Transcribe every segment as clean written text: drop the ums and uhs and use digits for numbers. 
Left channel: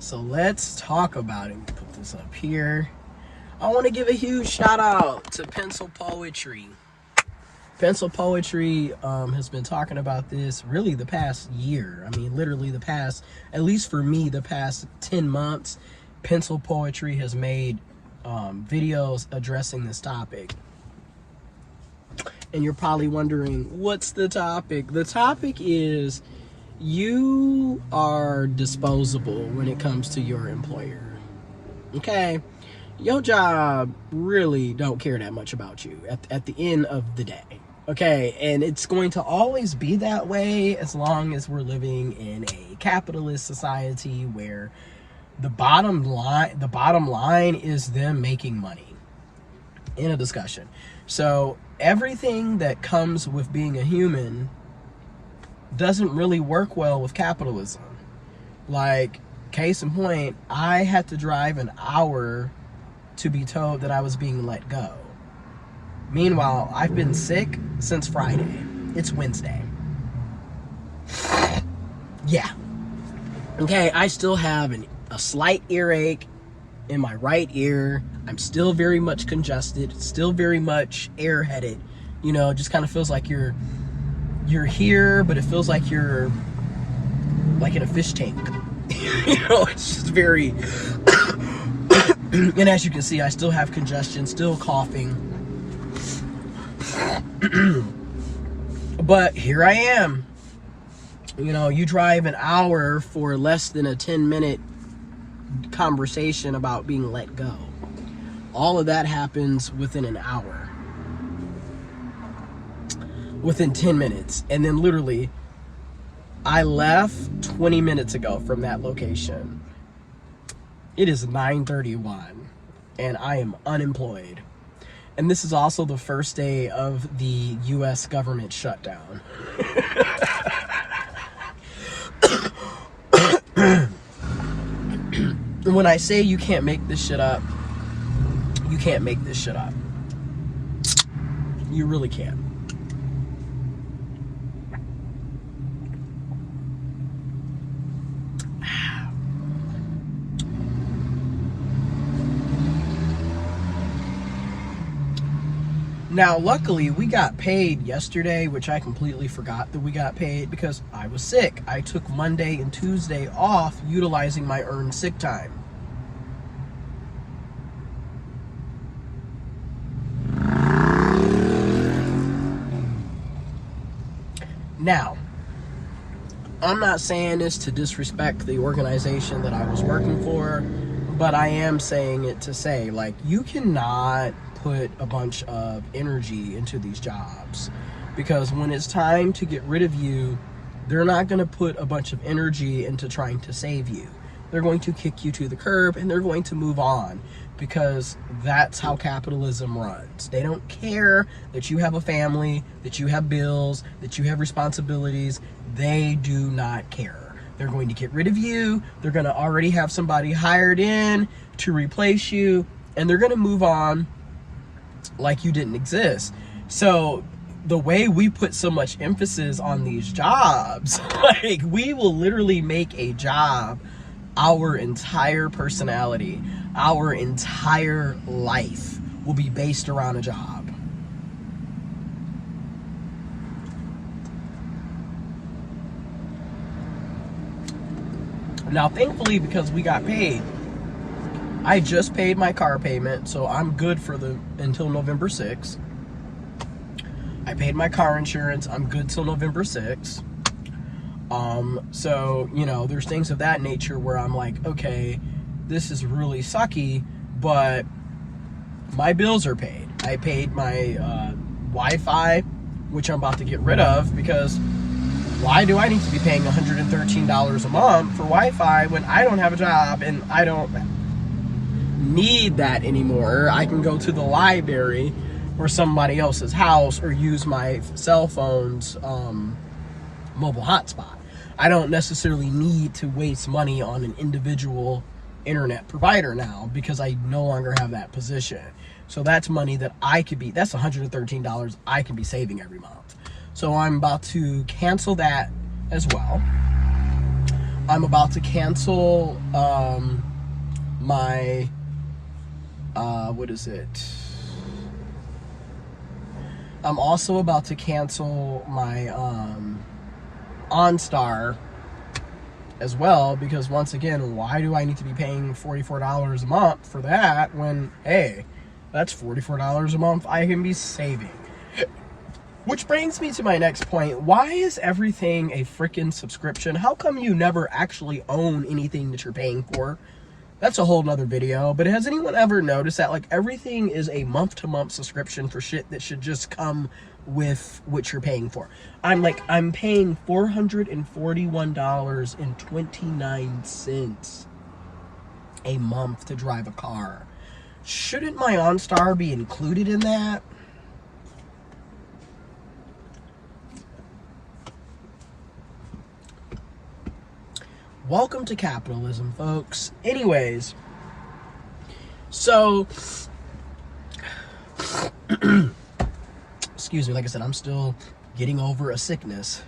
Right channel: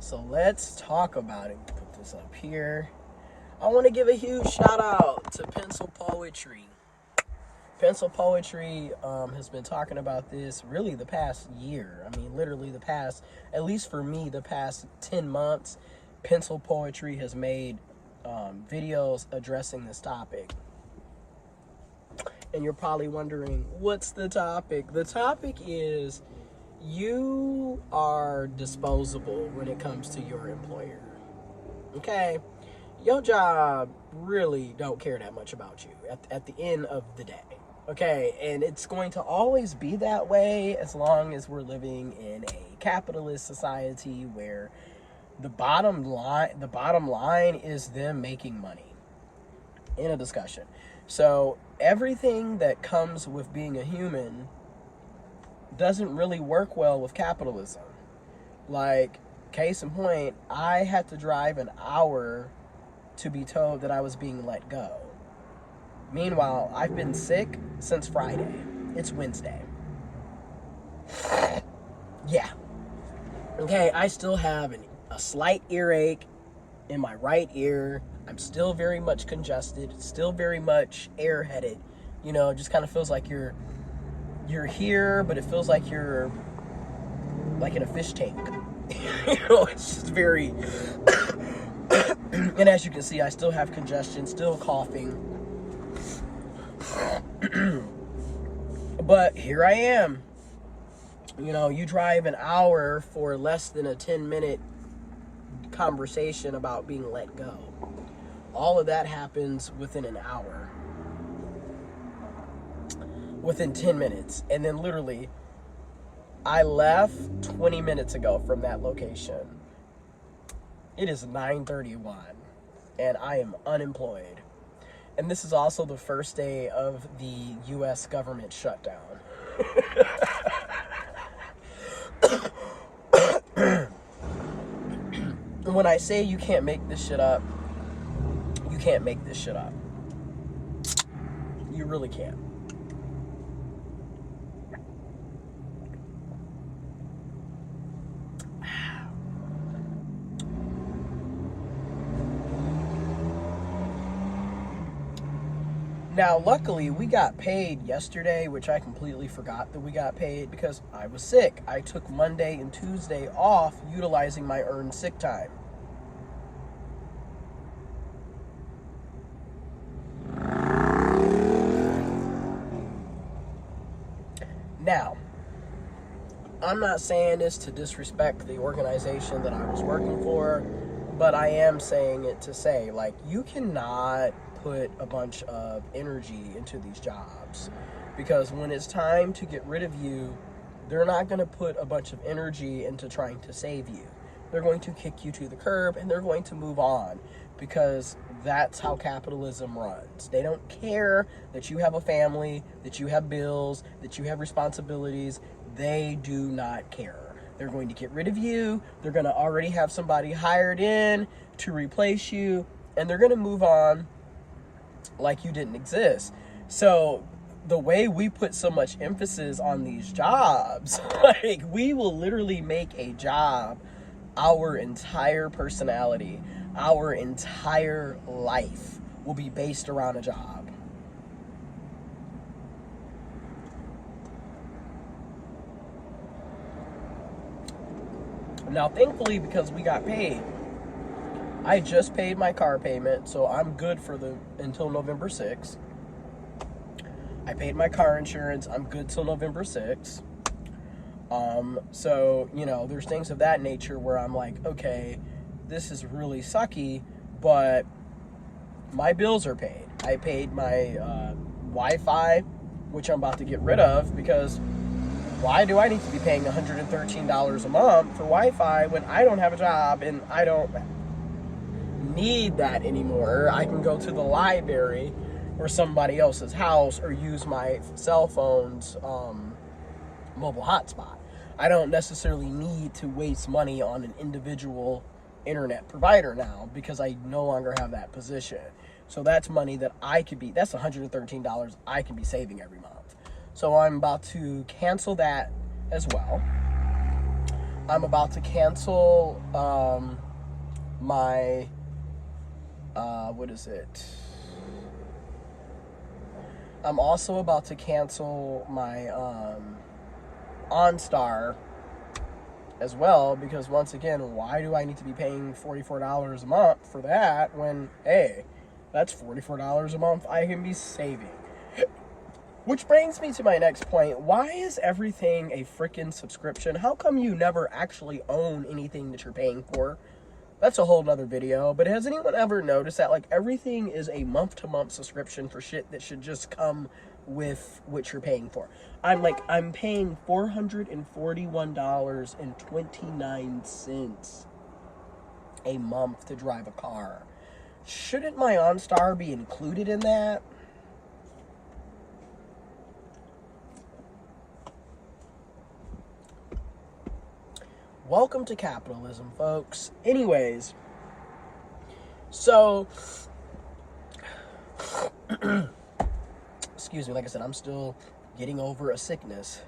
So let's talk about it. Put this up here. I want to give a huge shout out to Pencil Poetry. Pencil Poetry has been talking about this really the past year. I mean, literally the past, at least for me, the past 10 months, Pencil Poetry has made videos addressing this topic. And you're probably wondering, what's the topic? The topic is you are disposable when it comes to your employer. Okay? Your job really don't care that much about you at the end of the day. Okay? And it's going to always be that way as long as we're living in a capitalist society where the bottom line is them making money. In a discussion. So everything that comes with being a human doesn't really work well with capitalism. Like, case in point, I had to drive an hour to be told that I was being let go. Meanwhile, I've been sick since Friday. It's Wednesday. Yeah. Okay, I still have a slight earache in my right ear. I'm still very much congested, still very much airheaded. You know, it just kind of feels like you're here, but it feels like you're like in a fish tank. You know, it's just very and as you can see, I still have congestion, still coughing. But here I am. You know, you drive an hour for less than a 10-minute conversation about being let go. All of that happens within an hour. Within 10 minutes. And then literally, I left 20 minutes ago from that location. It is 9:31 and I am unemployed. And this is also the first day of the US government shutdown. When I say you can't make this shit up, you can't make this shit up. You really can't. Now, luckily, we got paid yesterday, which I completely forgot that we got paid because I was sick. I took Monday and Tuesday off utilizing my earned sick time. Now, I'm not saying this to disrespect the organization that I was working for, but I am saying it to say, like, you cannot put a bunch of energy into these jobs, because when it's time to get rid of you, they're not going to put a bunch of energy into trying to save you. They're going to kick you to the curb and they're going to move on, because that's how capitalism runs. They don't care that you have a family, that you have bills, that you have responsibilities. They do not care. They're going to get rid of you. They're going to already have somebody hired in to replace you, and they're going to move on like you didn't exist. So the way we put so much emphasis on these jobs, like, we will literally make a job our entire personality, our entire life will be based around a job. Now, thankfully, because we got paid, I just paid my car payment, so I'm good for until November 6th. I paid my car insurance, I'm good till November 6th. So, you know, there's things of that nature where I'm like, okay, this is really sucky, but my bills are paid. I paid my Wi-Fi, which I'm about to get rid of, because why do I need to be paying $113 a month for Wi-Fi when I don't have a job and I don't need that anymore? I can go to the library or somebody else's house or use my cell phone's mobile hotspot. I don't necessarily need to waste money on an individual internet provider now, because I no longer have that position. So that's money that that's $113 I can be saving every month. So I'm about to cancel that as well. I'm about to cancel my what is it? I'm also about to cancel my OnStar as well, because once again, why do I need to be paying $44 a month for that when, hey, that's $44 a month I can be saving? Which brings me to my next point. Why is everything a freaking subscription? How come you never actually own anything that you're paying for? That's a whole nother video. But has anyone ever noticed that, like, everything is a month-to-month subscription for shit that should just come with what you're paying for? I'm paying $441.29 a month to drive a car. Shouldn't my OnStar be included in that? Welcome to capitalism, folks. Anyways, so excuse me, like I said, I'm still getting over a sickness.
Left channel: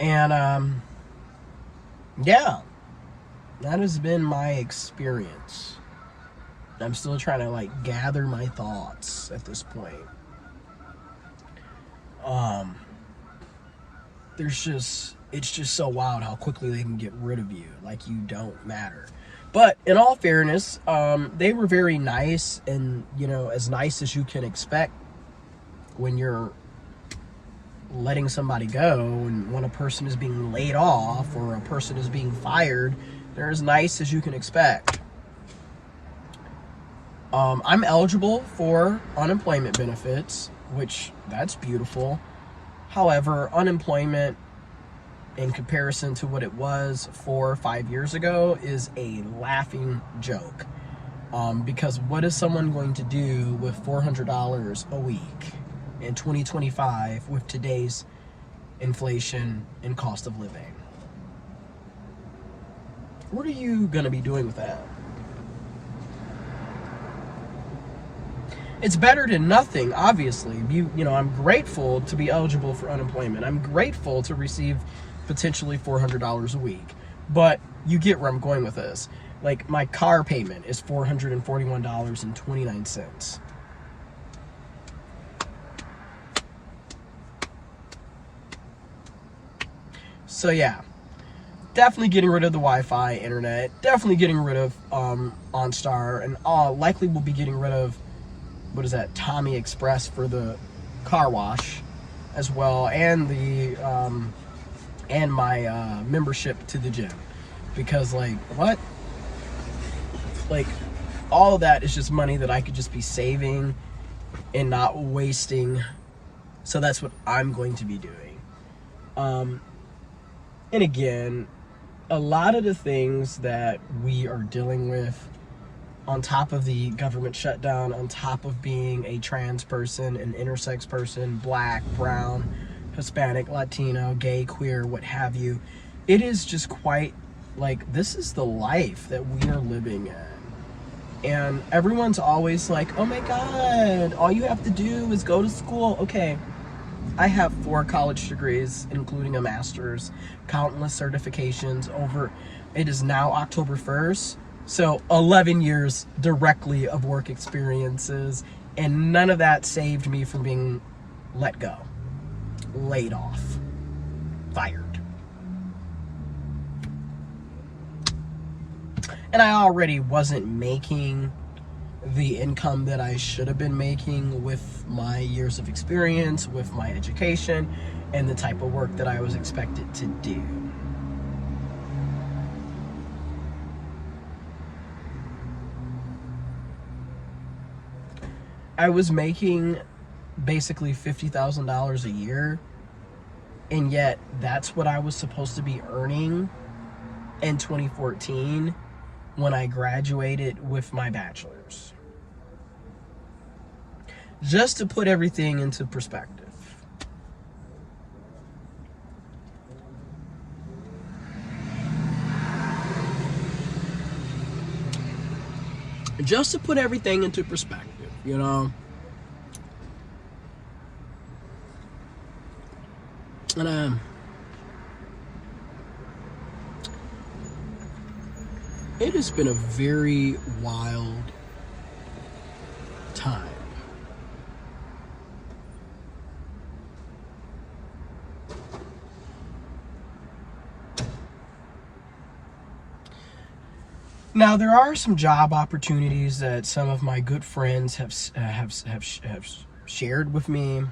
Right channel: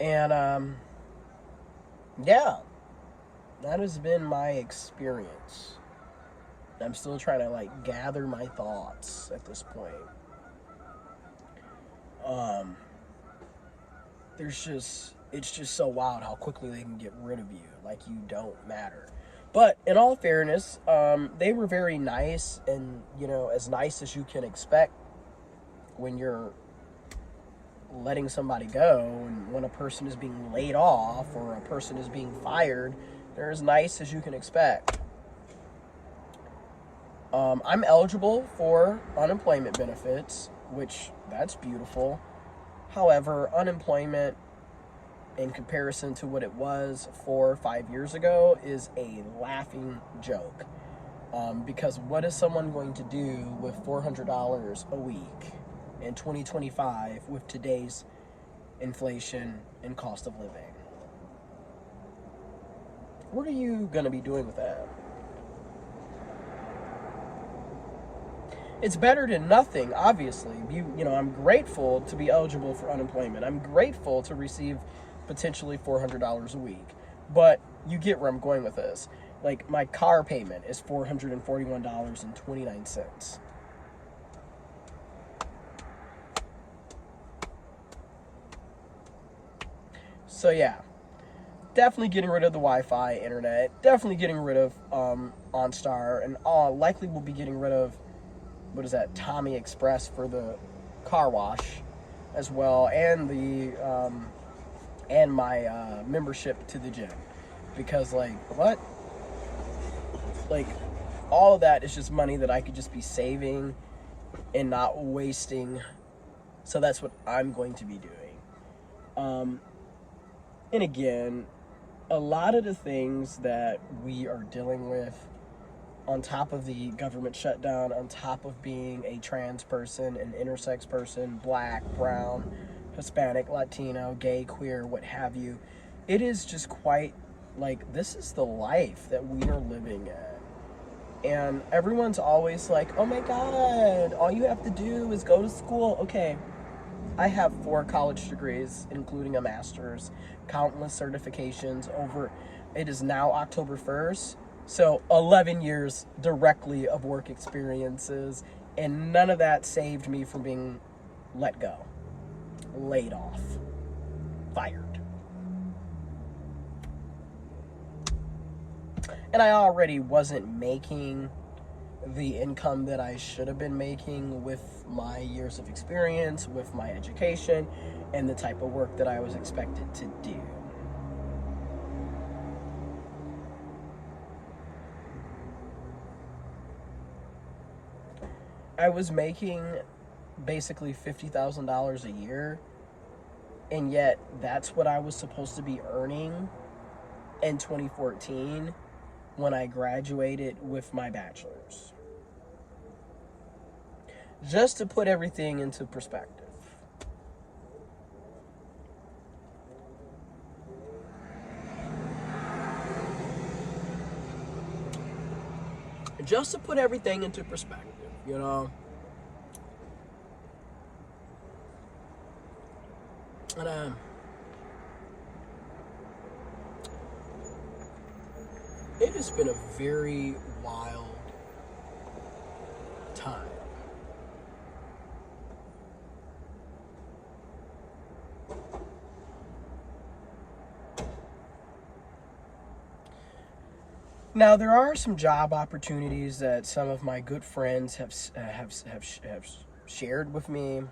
And yeah, that has been my experience. I'm still trying to like gather my thoughts at this point. It's just so wild how quickly they can get rid of you, like you don't matter. But in all fairness, they were very nice, and as nice as you can expect when you're letting somebody go, and when a person is being laid off or a person is being fired, they're as nice as you can expect. I'm eligible for unemployment benefits, which that's beautiful. However, unemployment in comparison to what it was 4 or 5 years ago is a laughing joke. Because what is someone going to do with $400 a week in 2025 with today's inflation and cost of living? What are you going to be doing with that? It's better than nothing, obviously. I'm grateful to be eligible for unemployment. I'm grateful to receive potentially $400 a week. But you get where I'm going with this. Like, my car payment is $441.29. So yeah, definitely getting rid of the Wi-Fi internet. Definitely getting rid of OnStar, and likely will be getting rid of, what is that, Tommy Express for the car wash as well, and the and my membership to the gym, because like all of that is just money that I could just be saving and not wasting. So that's what I'm going to be doing. And again, a lot of the things that we are dealing with, on top of the government shutdown, on top of being a trans person, an intersex person, black, brown, Hispanic, Latino, gay, queer, what have you, it is just quite like, this is the life that we are living in. And everyone's always like, oh my God, all you have to do is go to school. Okay, I have 4 college degrees, including a master's, countless certifications over, it is now October 1st. So 11 years directly of work experiences, and none of that saved me from being let go, laid off, fired. And I already wasn't making the income that I should have been making with my years of experience, with my education, and the type of work that I was expected to do. I was making basically $50,000 a year, and yet that's what I was supposed to be earning in 2014 when I graduated with my bachelor's. Just to put everything into perspective. Just to put everything into perspective, And it has been a very wild time. Now, there are some job opportunities that some of my good friends have shared with me.